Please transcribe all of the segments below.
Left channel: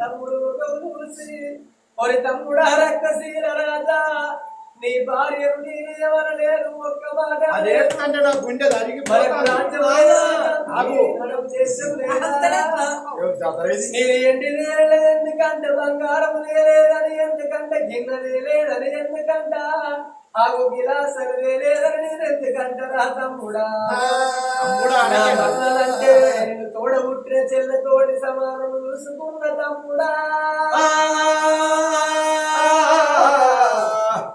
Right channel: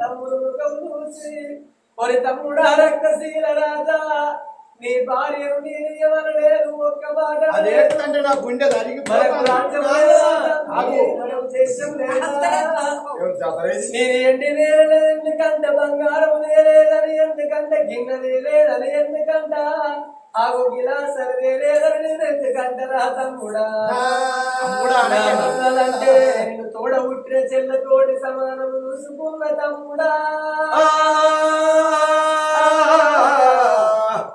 తమ్ముడు చూసి ఒరి తమ్ముడా రక్తశీల రాజా నీ భార్యను నేనేమనలేదు ఒక్క మాట అదేంటంటే నా గుండె చదరేది? నేను ఎండి ఎందుకంటే బంగారం లేదని ఎందుకంటే గిన్నె లేదని ఎందుకంట ఆగు గిలాసలు లేదని నేను ఎందుకంట రా తమ్ముడా తమ్ముడా తోడ పుట్టిన చెల్ల తోడి సమానం చూసుకున్న తమ్ముడా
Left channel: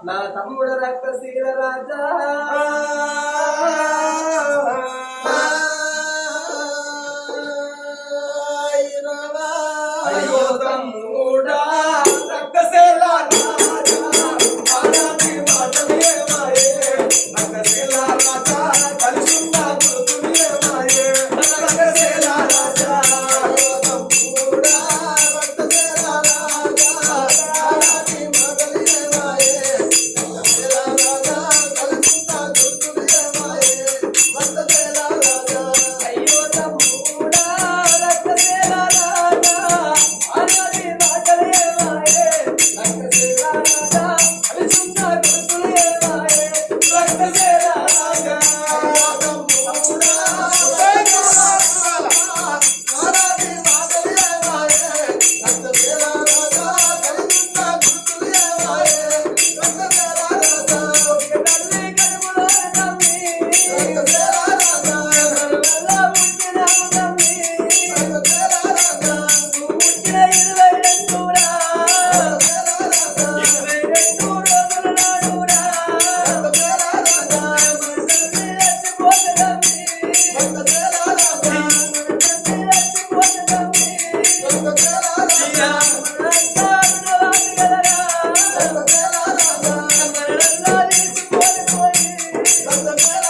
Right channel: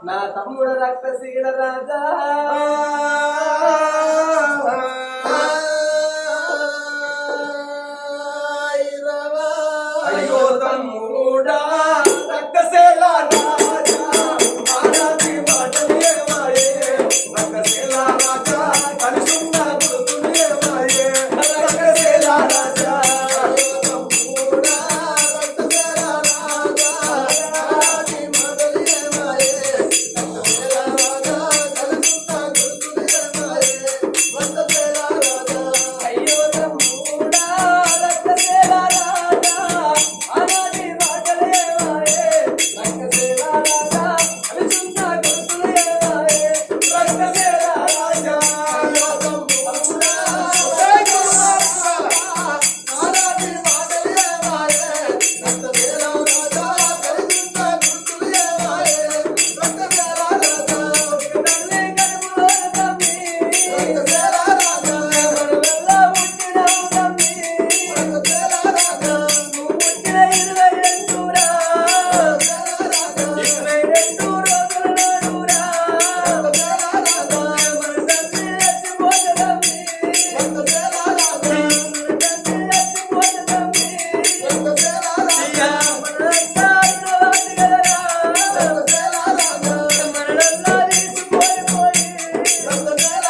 నా తమ్ముడ రక్తశీల రాజా అయ్యో తమ్ముడా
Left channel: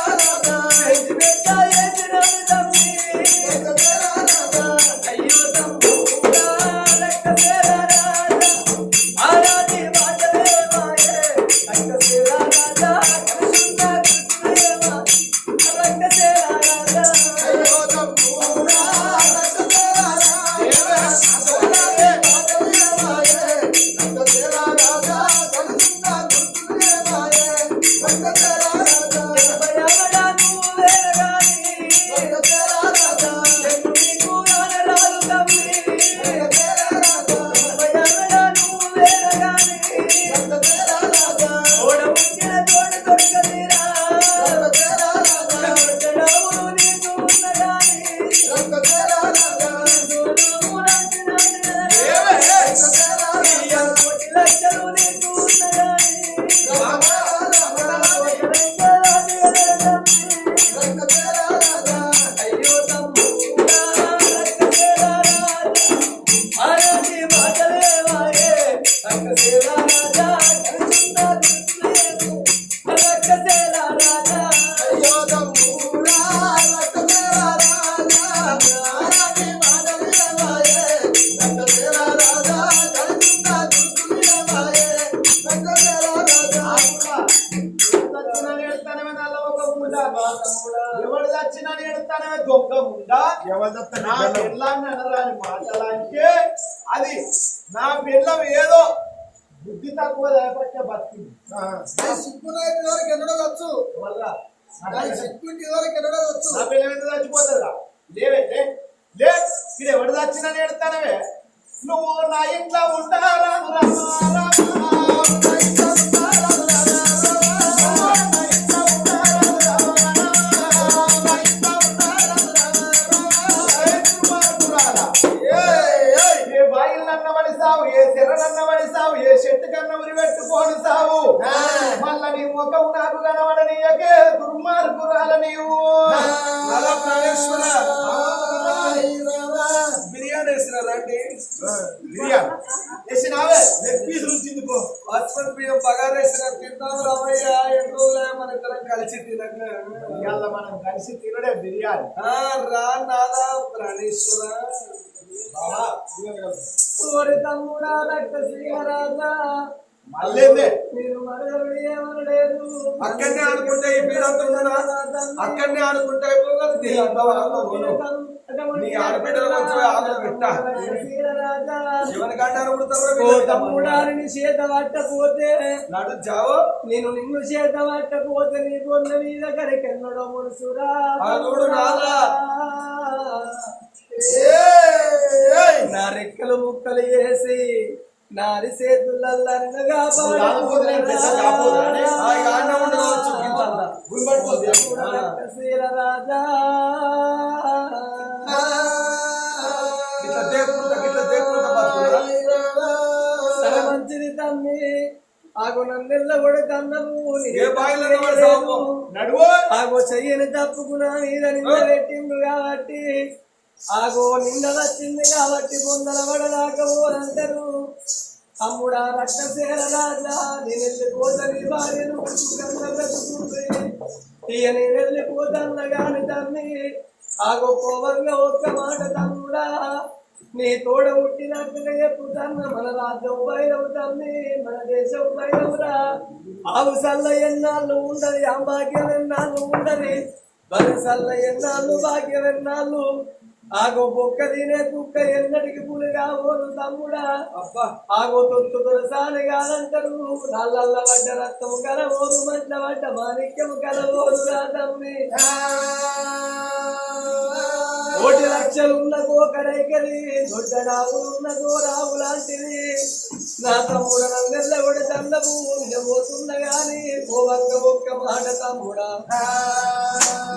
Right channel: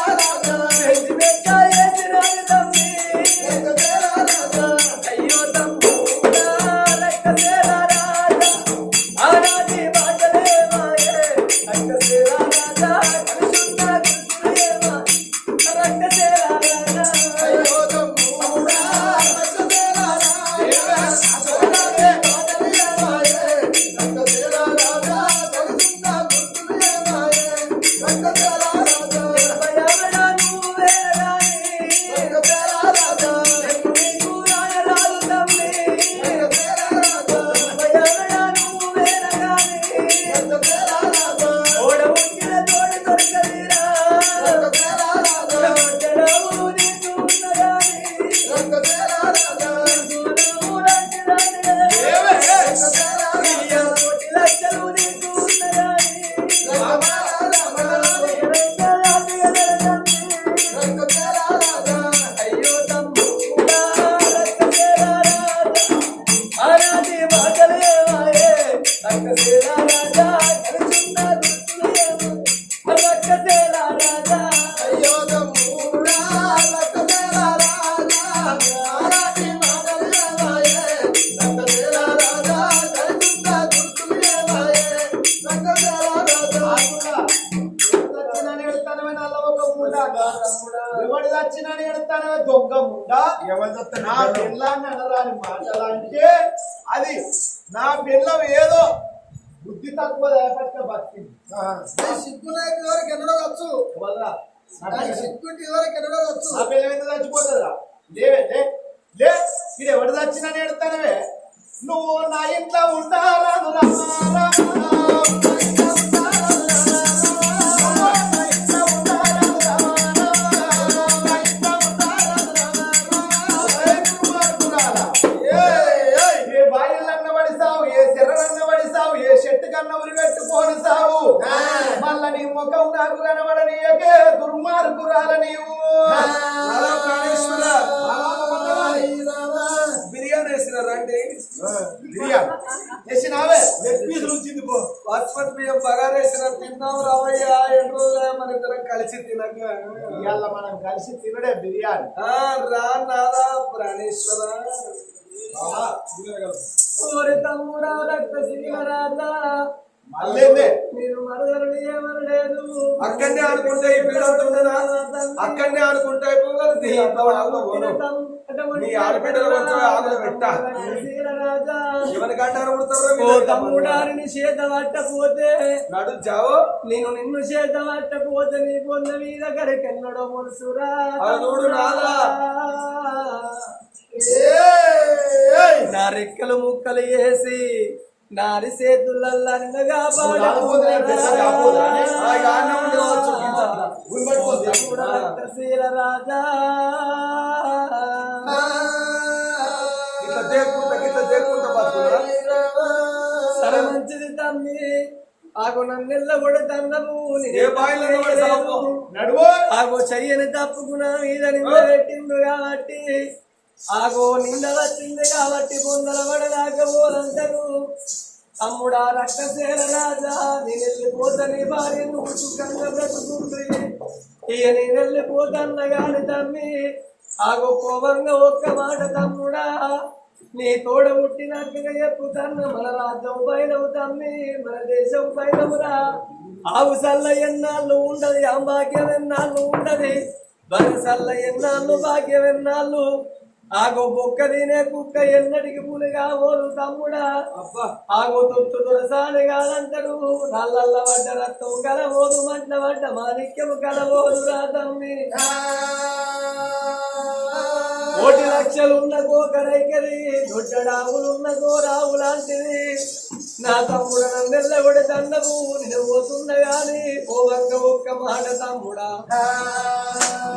రక్తశీల ఎవడు చచ్చినా నేడుతానమే దొంగ ముండ? నా పిల్లాన్ని అనరాని మాటలంటే అది నా పిల్లం ఏదో బుద్ధి తక్కువ లేకపోతే బతికింది. సిగ్గులేని వరకు ఎన్నడవచ్చు పిల్ల- సిగ్గుంటి వరకు ఎన్నడవచ్చు నా పిల్ల ఎంత చచ్చిపోతుందిరా. లేవే లే లే ఇది ఎవడు చచ్చినా నేడుతానవే నువ్వు నా ఇంట్లో ఉంటారా ఏ పడిసావు ఏ చెర్రనన్న పడిసావు ఏ చెట్టు కన్న ఉరి పెట్టుకోని సావు. మళ్ళా నీ ముఖం నాకు కనబడనీయకే దుర్మార్గురాల నీవు. బిర్యానీ వేసినారండి బిర్యానీ. వేసినావే. లెగ్ పీస్ ఉంచింది పో. బాస్మతి బియ్యం బగారు వేసిన తిందాం రావయ్య ఎన్ని రోజులు మన ఇద్దరం కలిసి తినక? ఇవాళ మనం కలిసి తినడే బిర్యానీ. రా నాదా ప్రాణేశ్వర. అక్కడనే అనుకుంటే ఈ పీడంతా ఉన్నదా? అక్కడనే అనుకుంటే అయిపోగలదు. అంత నీ ఆడబిడ్డలు కొంచెం ఆకులు పెట్ట. రాజా ఎవరికంటారు ఓ పుడతారు తమ్ముడారిని చేత పట్టపోతే నడు జావు నేను నిన్ను చేత పట్టపోతే నీ పొంద మీద కరకెన్నడో ముడుసురా అడుగుడు నాదా. నా రెక్కలు ముక్కలు వేసి నారి చేతులల్లా. రాజా. ఇట్లా దేక్కుంటా ఇట్లా దేక్కుంటా బతుకురా సరే మంచిది తమ్మి. ఆగు నన్నెల్ల కూడా తన్నవు ఏ? నడువు! ఆగో చెయ్యని తప్పుకున్నా పెట్టిండు కాబట్టి. ఆగో నింద వచ్చింది కాబట్టి పొందల పడదాకా పోదంటారు. తమ్ముడా రక్తసేన రాజా నేను వెళ్ళిపోతా నీ భార్యను సుఖంగా బ్రతుకుంది. ఇక నేను వెళ్ళిపోతాన్న గాని తమ్మి. ఆగో కోపంగా ఒక్క మాట తమ్ముడా. నీ తోడ పుట్టినాక చెప్పుతన్న మన రాజ్యం పైనవు తమ్మి మన దేశం పైనవురా ఆవు సల్ల ఎన్నాళ్ళు ఉండదు ఆ భాగ్యం ఎన్నాళ్ళు ఉండదు. బలి సల్ల ఎన్నాళ్ళు భాగ్యం ఎన్నాళ్ళు. ఆగో బొక్క తినే కుక్క ఎన్నటికి పులిగా ఓరు తమ్ముడా. అబ్బా. ఆగో తొత్తు తొలసాని కాదంటారు నల్లల్ల పడ్డ రక్తం కలవోరు మంట పడ్డ మాణిక్యము కలవోరు రా తమ్మి కోటి లక్షలున్న కోకరైకది దొడ్డడావులున్న గోరావు లాంటిది నా తమ్ముడు నన్నెల్ల కూడా దండము నిన్న పోతున్న గాని పోవంక ఒక్క మాట తమ్ముడా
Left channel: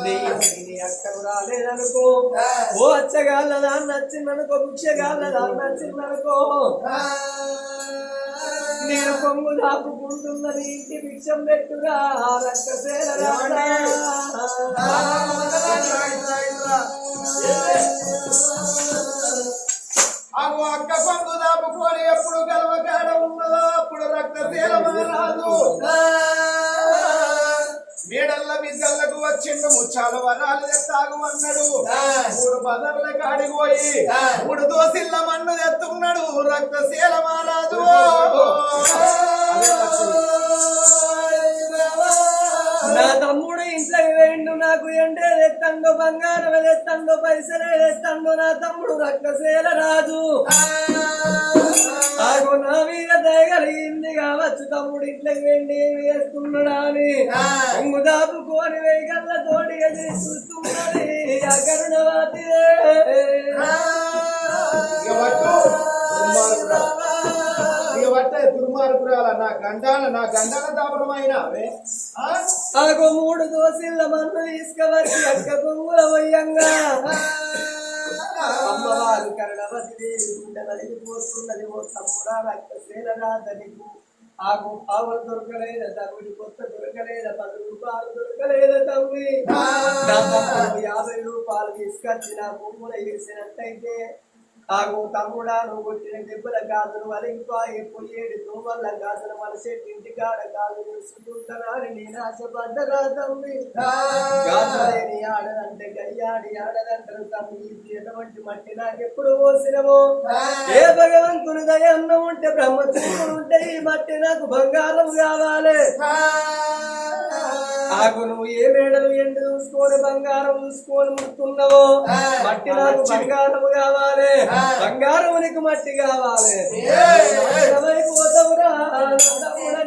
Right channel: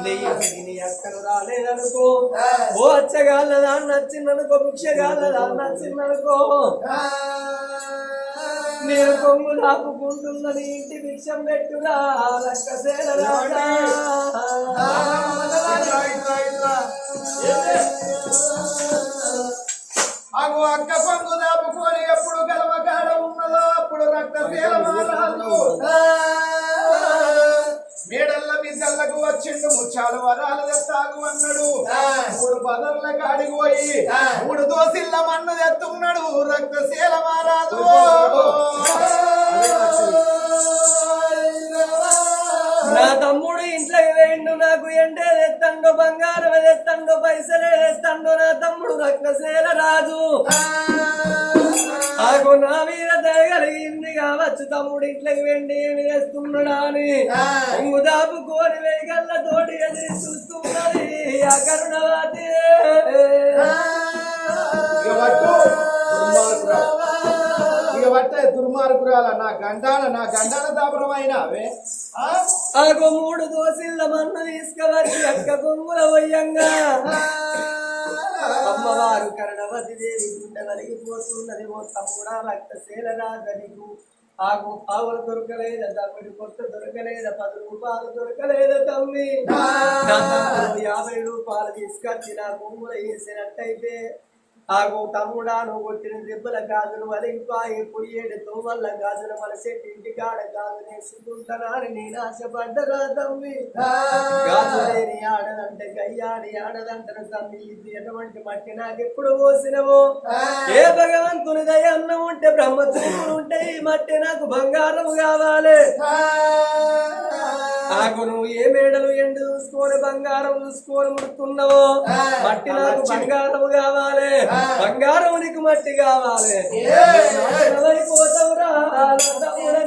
నీ రాలేదనుకో. ఓ అచ్చగాళ్ళదా నచ్చిందనుకో భిక్షగాళ్ళదా నచ్చిందనుకో. నేను కొమ్ము దాపుకుంటున్న నీ ఇంటి భిక్షం పెట్టురా ఇట్రా. అగు అక్క పంగు దాపుకొని ఎప్పుడు గలవకాడ ఉన్నదో అప్పుడు రక్తశీల మహారాజు. మేడల్ల బిడ్డలకు వచ్చిండు ముచ్చాల వరాలు తెత్తాగు అన్నాడు. మూడు బదర్ల కాడికి పోయి మూడు దోసిల్ల మన్ను తెత్తున్నాడు రక్తశీల మహారాజు నా తమ్ముడు ఇంట్లోకి వేయండు నాకు ఎండే తెత్తండు బంగారం తెత్తండు పైసలే తెత్తండు నా తమ్ముడు రక్తశీల రాజు ఆగు నా మీద దయగలిగింది కావచ్చు తమ్ముడు ఇంట్లోకి వెండి ఏమి వేస్తున్నాడా అని. కొంగు దాపుకోని వేగల్ల తోటి ఎదిరి చూస్తున్నది పట్ట దుర్మార్గురాల నా గండాన నా గండాన దాపరమైన? ఆగో మూడు దోసిళ్ళ మన్ను తీసుకువచ్చి అక్క కొంగుల వయ్యంగా అమ్మవారు కరుణవతి దేవి గుండె నలిగిపోతున్నది ఓ తమ్ముడా రక్తశీల రాజనికు ఆవులు దొరకలేద తమ్ముడు కొత్త దొరకలేద పది రూపాయలు దొరకలేద తమ్మి. యాభై రూపాయలు తీసుకొచ్చి నా భూముల వేసినట్టయితే ఆగో తమ్ముడా నువ్వు కొట్టిన దెబ్బల గాజులు వలిగిపాయి పొయ్యేడు తోమల్ల గాజులు ఇంటి ఇంటికాడ గాజు వేసుకుంటానని నేను ఆశపడ్డరా తమ్మి? గాజులేని ఆడదంటే గయ్యాడి ఆడదంటారు తమ్మి. ఇది ఎటువంటి మట్టి? నాకెప్పుడు పోసినవో? ఏ భగవంతుని దయ అన్నం ఉంటే బ్రహ్మచర్యం ఉంటే ఈ మట్టి నాకు బంగారం కావాలి. ఆకు నువ్వు ఏ మేడలు ఎండు చూసుకొని బంగారం చూసుకొని ముడుతున్నావో మట్టి నాకు బంగారం కావాలి. బంగారం నీకు మట్టి కావాలి. పోతావురా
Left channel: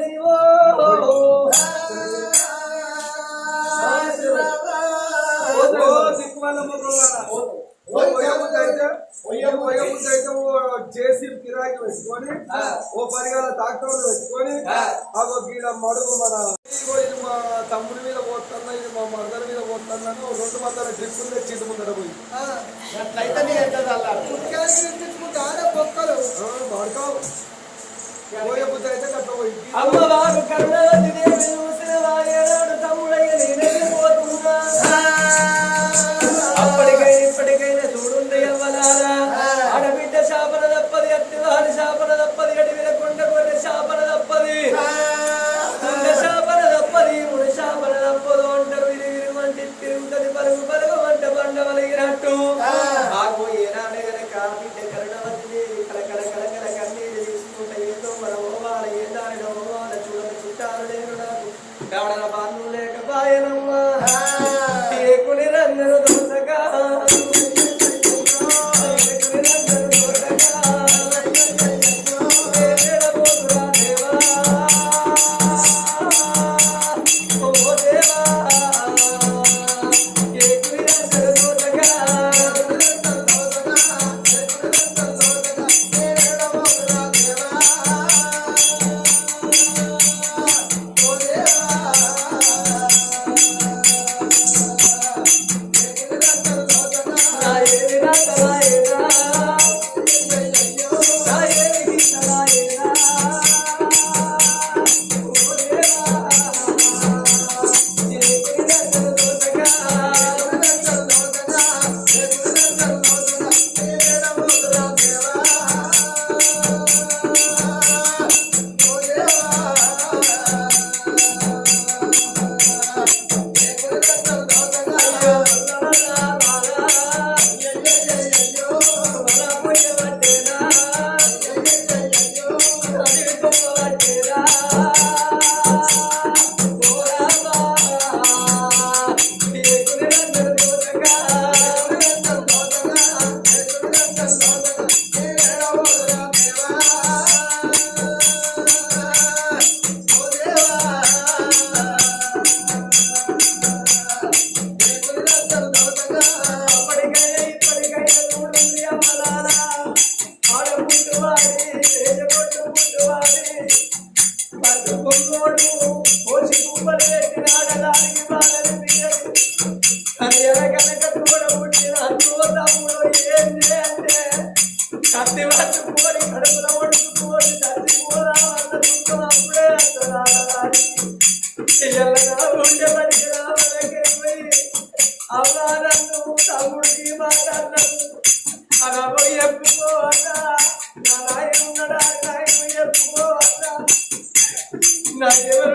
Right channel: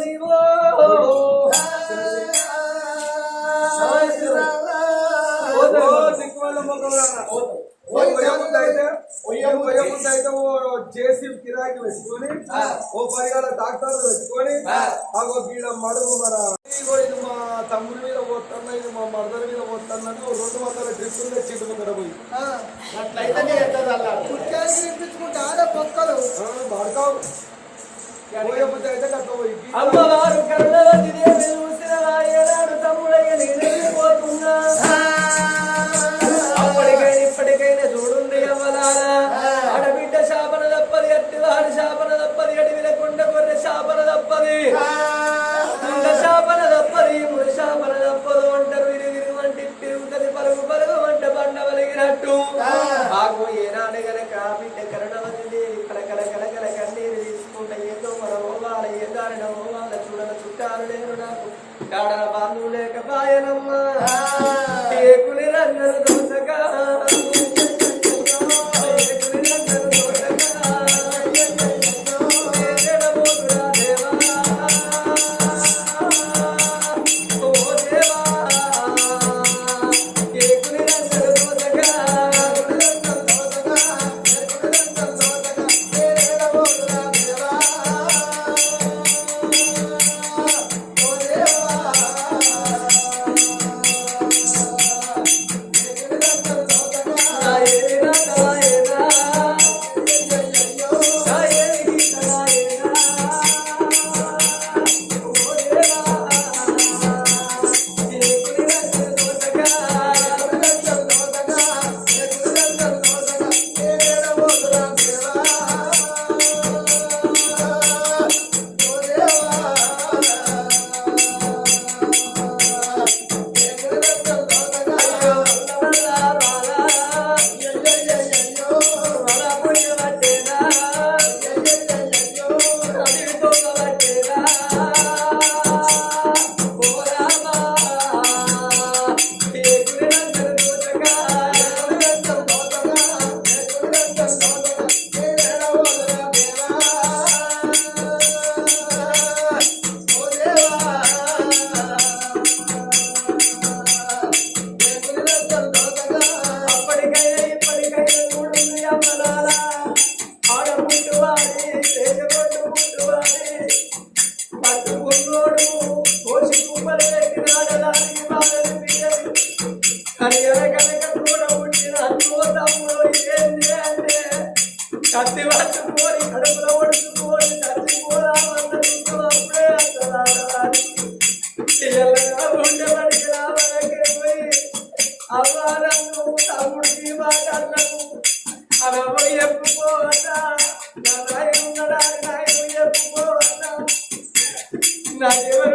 నీవో. ఒయ్యముద్ద అయితే ఓ జేసీ కిరాయికి పెట్టుకొని ఓ పరిగాల ట్రాక్టర్లు పెట్టుకొని గీడ మడుగు మన మా తమ్ముడి మీద పోతున్నా ఇది మా మరదల మీద పోతున్నా ఓ రెండు వందల డ్రిప్పులు తెచ్చిండు ముందర పోయి. అట్లయితే నేను ఎంత చల్లారు కుట్కాయలు వినిపించుకుంటా ఆడే పొక్కలు. ఆ, పడతావు పోయబుద్ధి అయితే గట్ల పోయి.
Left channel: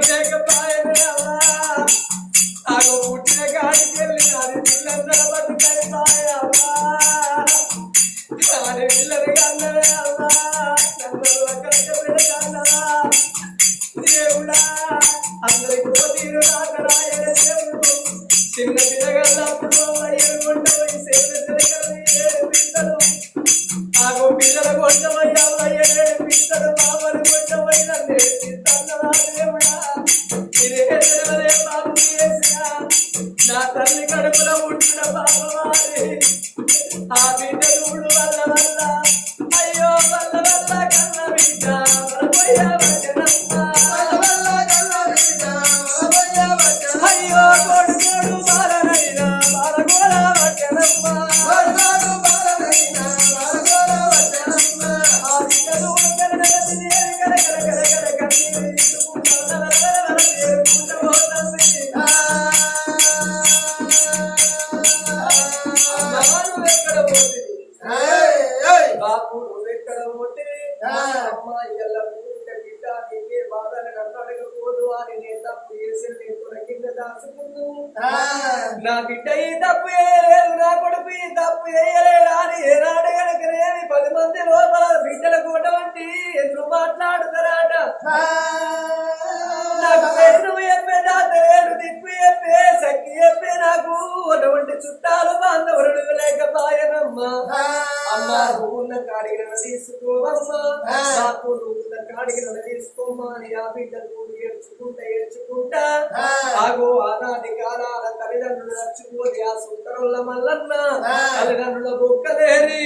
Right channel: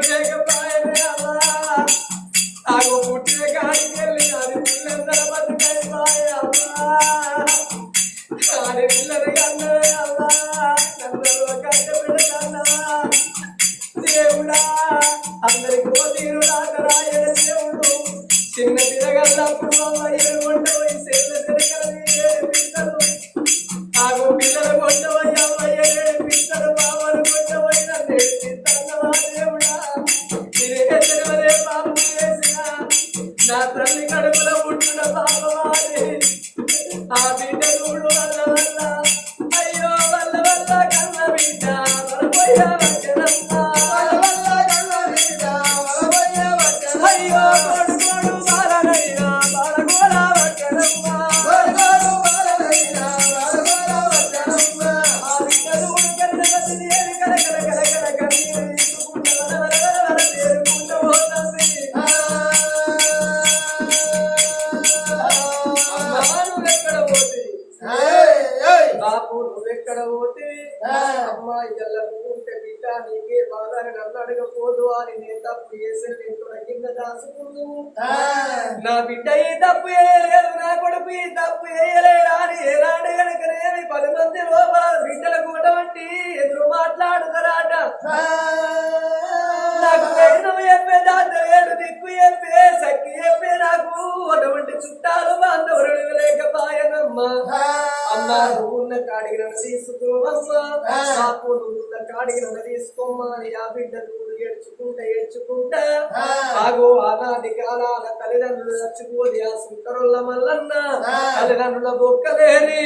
say goodbye. Yeah. నా బిడ్డ ఈ తప్పు చేయలేదు నా కొడుకు ఈ తప్పు చేయలేడు అని ఏనాడు కనుకనేమి పది మంది లోపల బిడ్డల ఏడ్చుకుంటా ఆగో ఆనాటి కాలాల తల్లిదండ్రులు చచ్చిపోది ఆ సుంకరుల మల్లన్న. తల్లిదండ్రుల బొక్కలేరి.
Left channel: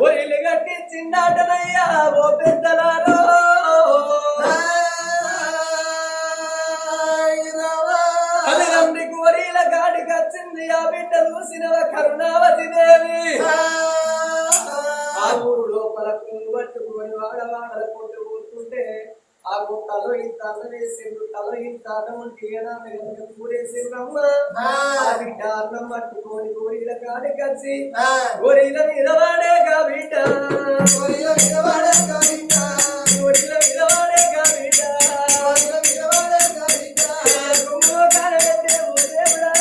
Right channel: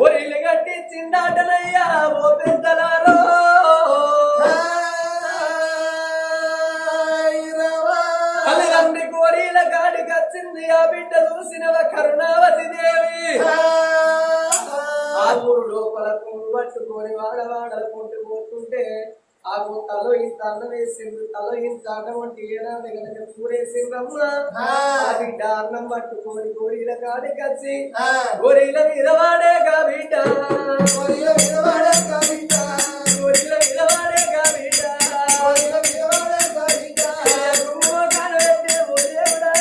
ఊరిలు కట్టి చిందాటనయ్యా ఓ పెద్దలారో. తల్లిదండ్రి కోరిల కాడికి వచ్చింది ఆ బిడ్డ చూసిన కరుణావతి దేవి. ఆ. ఊరు లోపల పట్టుకొని వాడవాడల కొంటూ పోతుంటే ఆ తలో ఇంత అన్నం వేసిండు తలో ఇంత అన్నం అంటే ఏనాది కనుక కూరేసిండ్రమ్మ ఆ. బిడ్డ అన్నం పట్టుకొని గోరీల కాడికి వచ్చి గోరీల మీద వాడేగా బిడ్డ గోరీల మీద వాడేగా బిడ్డ కుంగుమ కానబెట్టే ఓ దేవుడా?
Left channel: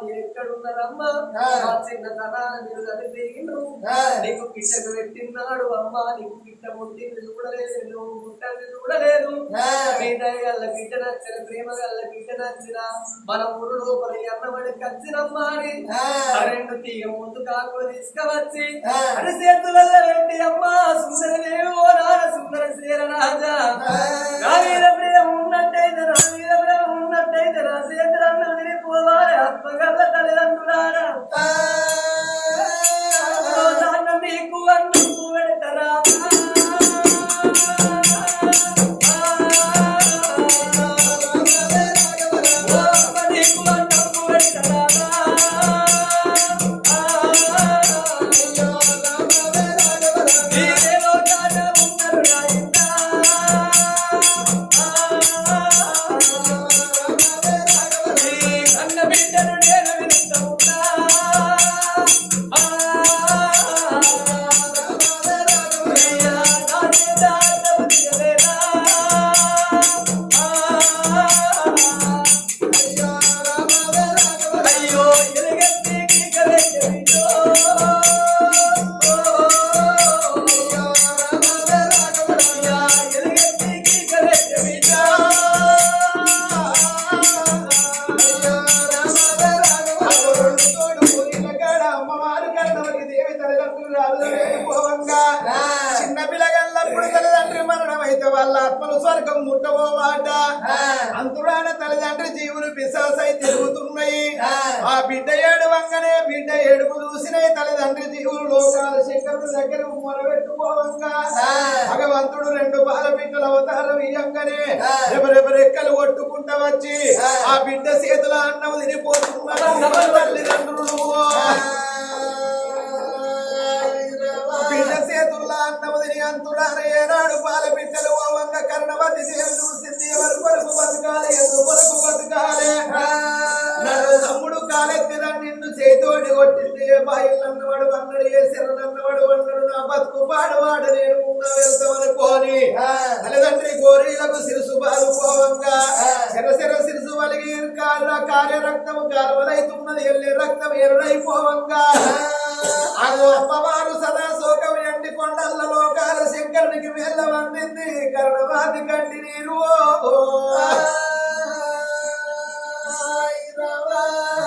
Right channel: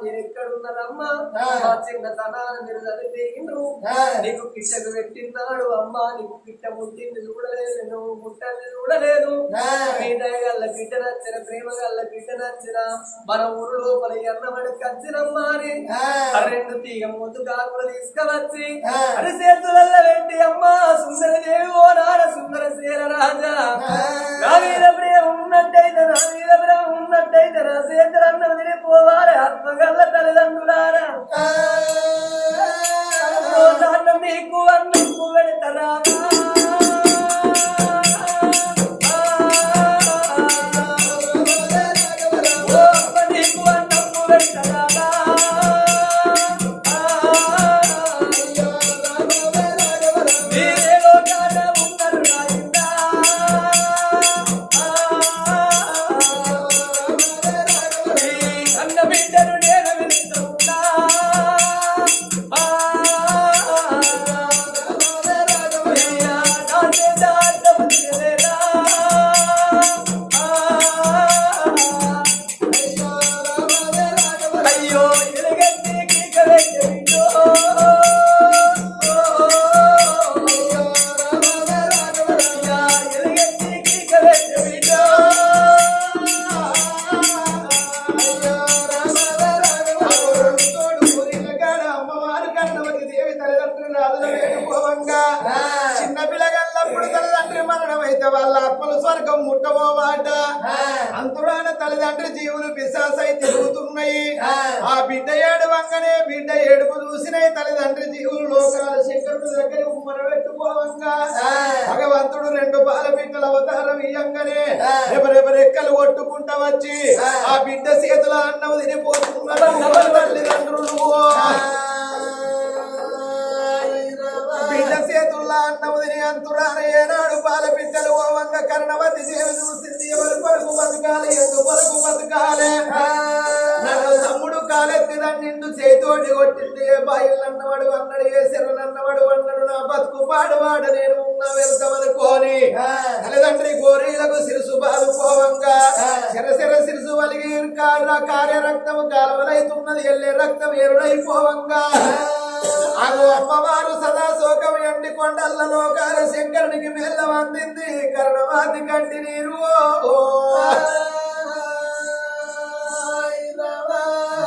మీరు ఎక్కడున్నారమ్మా మా చిన్న తనాన్ని మీరు చదివిండ్రు నీకు కిట్టకు పెట్టినాడు అమ్మా. నీకు కిట్ట ముట్టింది చూడలేదు నువ్వు ముట్టని చూడలేదు. మీ దయగల్ల గిట్ట నచ్చిన ప్రేమ గల్ల గిట్ట నచ్చిన మన ఊరు లోపల ఎన్నమడి కచ్చినమ్మా అని రెండు తీగ ముందు కాకులు తీసుకువచ్చి అని చేతులలో పెట్టి అమ్మా సుందరదేవి ఓ నాన్న సుందర శీల రాజా. నా మీద ప్రేమ ఉన్నట్టయితే నా మీద ప్రేమ ఉన్నట్టయితే నా చేతులు అన్నం తినిపోవాలి ఆత్మగల్ల తల్లిదండ్రులారా రోజాన్న నీకు అన్నం స్వర్గం ముట్టబోమాట అంతురాన తల్లిదండ్రి జీవులు పిశాసై తిరుగుతున్నాయి. ఆ బిడ్డ ఏడు వంగనే బిడ్డ ఏడుపు చూసినాయి తల్లిదండ్రి జీవులు. లోకాల శంకరుడు దగ్గర ఉమ్మర పెట్టుకోవంగా భగవంతుడు రెండు పాల బిడ్డల అవతారం ఇయ్యంగానే ఎవరెవరెక్కలు కొట్టుకుంటా వచ్చి ఆ బిడ్డ చేతుల అన్నం తినిపోతున్నారు. తల్లిదండ్రులు. బిడ్డ చేతుల్లో అన్నం తిని ఓవంగ కరణవతి దేవి చూసింది ఎవరు కొరకు బతకాలి ఎందు కొరకు బతకాలి? తమ్ముడు కాలెత్తిన నిన్ను చేతోటి కొట్టింది ఏ బాయిల్ అన్నవాడు అన్నాడు ఏ శరణ్ అన్నవాడు అన్నాడు నా బతుకు పాడవాడు నేను ఉన్నా వెళ్తామనుకోని తల్లిదండ్రి గోరీలకు సిరుసు బాదుకోవంగా శర శర శిరసు వలిగి కార్య కార్య రక్తం కాలవలైతున్నది ఎల్లే రక్తం ఎరుడైపోవంగా అగో అమ్మవారు సదా శోకం ఎండి కొండల్ల లోకాల శంకరునికి మేళ్ళ అందింది. కరుణవాది కంటి నీరు.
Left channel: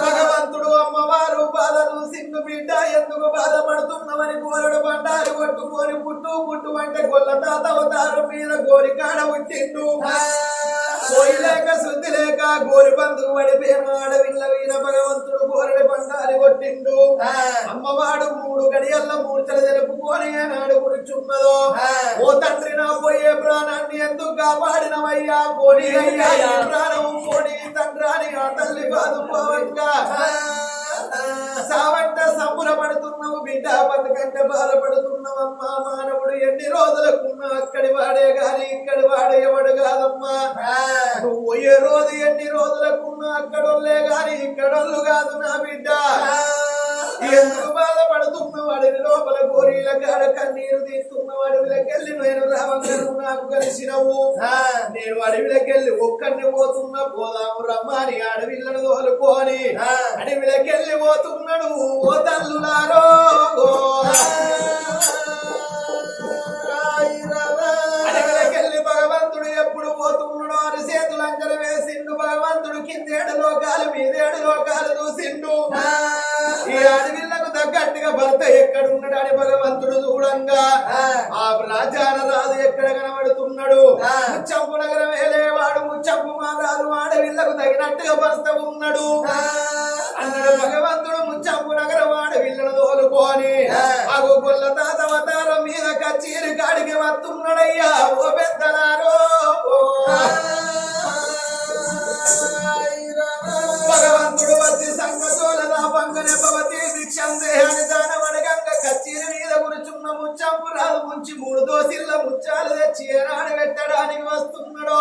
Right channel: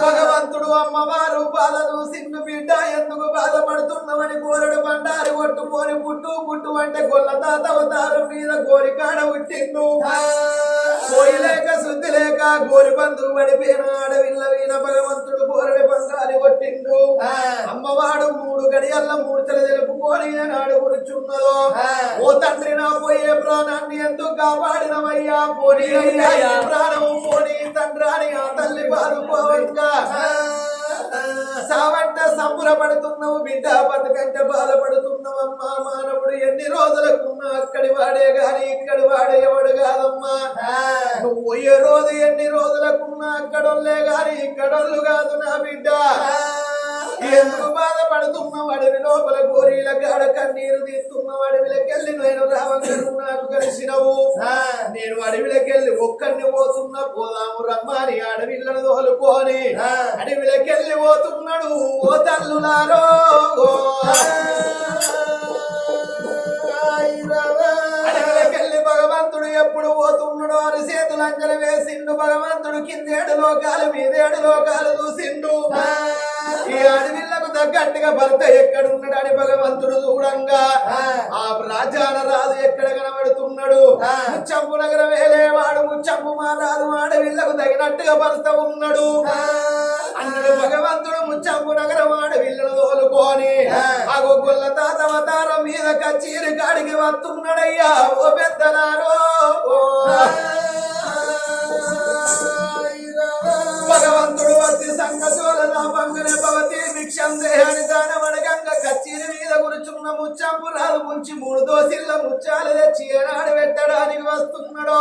భగవంతుడు అమ్మవారు బాధలు సిన్ను బిడ్డ ఎందుకు బాధపడుతున్నామని కోరడు బండారు కొట్టుకొని పుట్టు పుట్టు అంటే గొల్ల తాత అవతారం మీద గోరికాడ పుట్టిండు. కోరి లేక శుద్ధి లేక గోరి బంధువు పడిపోయిన ఆడవిల్ల వీణ భగవంతుడు కోరడి బండారి కొట్టిండు. అమ్మవాడు మూడు గడియల్ల మూర్చలు తెలుపుకొని ఏనాడు కూర్చున్నదో. ఓ తండ్రి నా పోయే ప్రాణాన్ని ఎందుకు కాపాడినవయ్యా పోనీ అయ్యా ప్రాణము పోనీ తండ్రాని ఆ తల్లి బాదుకోవంగా సావంట సంబురపడుతున్నావు బిడ్డ బతుకంటే బాధపడుతున్నావు అమ్మా మానవుడు ఎన్ని రోజులకున్నా అక్కడి వాడే గాని ఇక్కడి వాడే ఎవడు కాదమ్మా. నువ్వు రోజు ఎన్ని రోజులకున్నా అక్కడొల్లే గాని ఇక్కడొల్లు కాదు నా బిడ్డ. ఎందుకు బాధపడుతున్న వాడిని లోపల గోరీల కాడ కన్నీరు తీస్తున్న అడవిలకెళ్ళి నేను రావంగను నాకు కలిసినవు. నేను అడవిలకెళ్ళి ఒక్కడిని పోతున్నా పోదాము రమ్మని అడవిలను తోలుకొని అడవిలకెళ్ళి పోతున్నాడు. ఓ తల్లులారో. ఎప్పుడు పోతున్నాడో అరి చేతులు అంజల వేసిండు. భగవంతుడు కిందేడు లోకాలు మీదేడు లోకాలు చూసిండు. ఈ అడవిళ్ళకు తగ్గట్టుగా భర్త ఎక్కడున్నాడు అని భగవంతుడు చూడంగా. ఆ. రాజాన రాజు ఎక్కడ కనబడుతున్నాడు? ముచ్చంపు నగరం వేలేవాడు ముచ్చంపు మా రాజు అడవిళ్ళకు తగినట్టుగా భర్త ఉన్నాడు. అన్నాడు భగవంతుడు ముచ్చంపు నగరం అడవిళ్ళను తోలుకొని ఆ గొల్ల తాత అవతారం మీద కచ్చీరి కాడికి వస్తున్నాడయ్యా. ఓ పెద్దలారో భగవంతుడు వచ్చి సంగతోల నా పంగనే భవతి భిక్షం దేహాని దానమడగంగ కచ్చీరి మీద కూర్చున్న ముచ్చంపు రాదు ముంచి మూడు దోసిల్ల ముచ్చాలు తెచ్చి ఏనాడు పెట్టడానికి వస్తున్నాడో.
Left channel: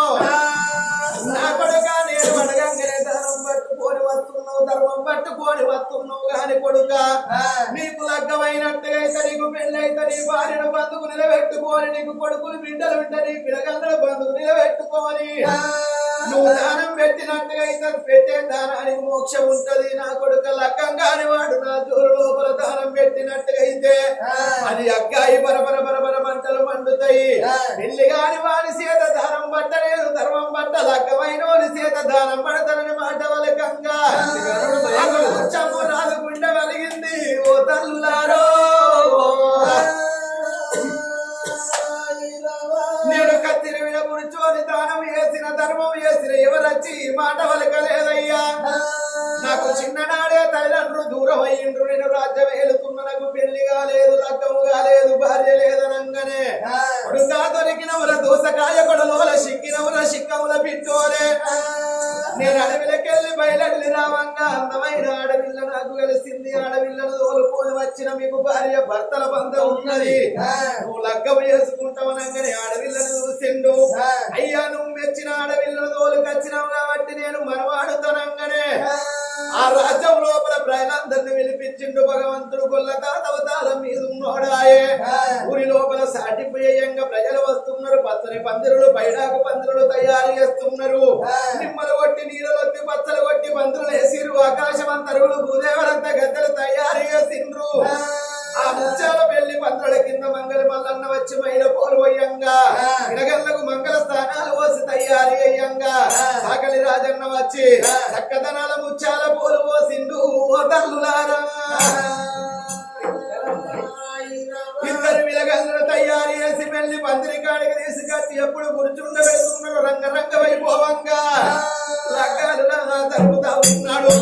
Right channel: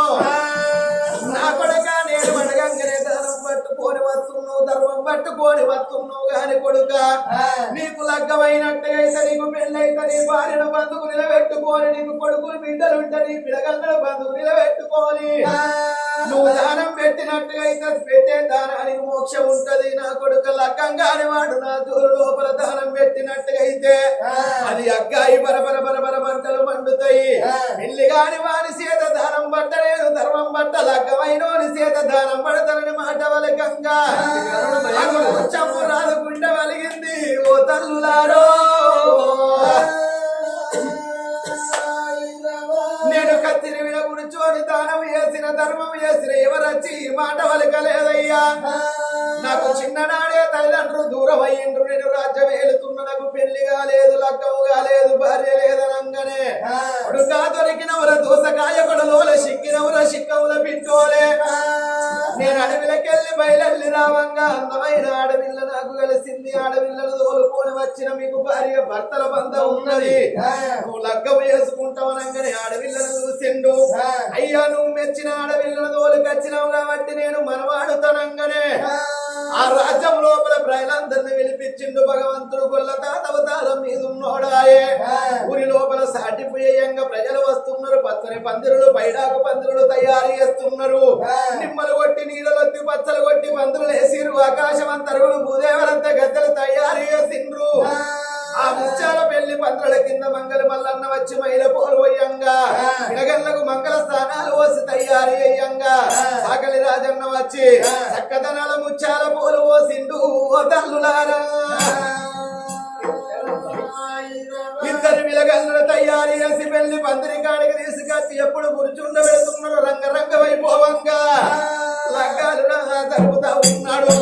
నా కొడుక నేను అడగంగనే దానం పట్టుకొని వస్తున్నావు ధర్మం పట్టుకొని వస్తున్నావు గాని కొడుక. నీకు లగ్గమైనట్టుగా అయితే నీకు పెళ్ళైతే నీ భార్యను బంధుకు నిలబెట్టుకొని నీకు కొడుకులు బిడ్డలు ఉంటే నీ పిడగలను బంధుకు నిలబెట్టుకొని. నువ్వు దానం పెట్టినట్టుగా అయితే పెట్టే దానానికి మోక్షం ఉంటది. నా కొడుకు లగ్గం కాని వాడు నా జోరు లోపల దానం పెట్టినట్టుగా అయితే అది అగ్గాయి బరబర బరబర మంటలు మండుతాయి. పెళ్ళి కాని వాని చేత దానం పట్టలేదు. ధర్మం పట్ట లగ్గమైన వాని చేత దానం పడతానని మాట వలకంగా చంపు రాదు గుండె వలిగింది. ఓ తల్లులారో కూర్చొని దానం చేసిన ధర్మం చేసిన ఎవరొచ్చి ఈ మాట వలకలేదయ్యా? నాకు చిన్ననాడే తల్లిదండ్రులు దూరం అయ్యిండ్రు నేను రాజ్యం ఏలుతున్న నాకు పెళ్ళి కాలేదు లక్కము కాలేదు భార్య లేదనంగానే. కొడుకా దొరికినవర దోసకాయ కొడలోల సిక్కినవర సిక్కముల పిట్టోలే నేను అడవిలకెళ్ళి బయలెళ్ళి రావంగా. అందమైన ఆడవిల్ల నాకు కలిసింది. ఆడవిల్లను తోలుకొని వచ్చిన మీకు భార్య భర్తల బంధం ఉన్నది. నువ్వు లగ్గము చేసుకుంటావనంగానే ఆడవిల్లను చూసిండు. అయ్యా నువ్వు మెచ్చిన ఆడవిల్లను తోలుకొచ్చినావు కాబట్టి నేను మనవాడుతానంగానే ఆ. రాజ్యం లోపల ప్రజలందరిని విలిపించిండు భగవంతుడు గొల్ల తాత అవతారం మీద ఉన్నోడాయే. ఊరి లోపల సాటిపోయేయంగా ప్రజలు వస్తున్నారు. పచ్చని పందిరులు పైడాకు పందిరులు తయారు చేస్తున్నారు. నిమ్మలు కొట్టి నీడలొత్తి పచ్చలు కొట్టి పందిరులు వేసిరు. ఆకాశం అంతరుగులు భూదేవరంతా గద్దెలు తయారు చేసిండ్రు. చిన్న మంగళ మల్లన్న వచ్చి మైల పోలువయ్యంగా ఇడగల్లకు మంగళ స్థానాలు పోసి తయారీ అయ్యంగా. సాకలి రాజన్న వచ్చి చక్కదనాల ముచ్చాల పోలు పోసిండు ఓ తల్లులారా. ఇద్దరు విలగల్లు తయారు చేసి పెళ్ళి పందిరి కాడికి తీసుకొచ్చి ఎప్పుడు కూర్చుండ రంగ రంగరంగ వైభవంగా రంగాలు తరుపుతా ఉన్నాడు.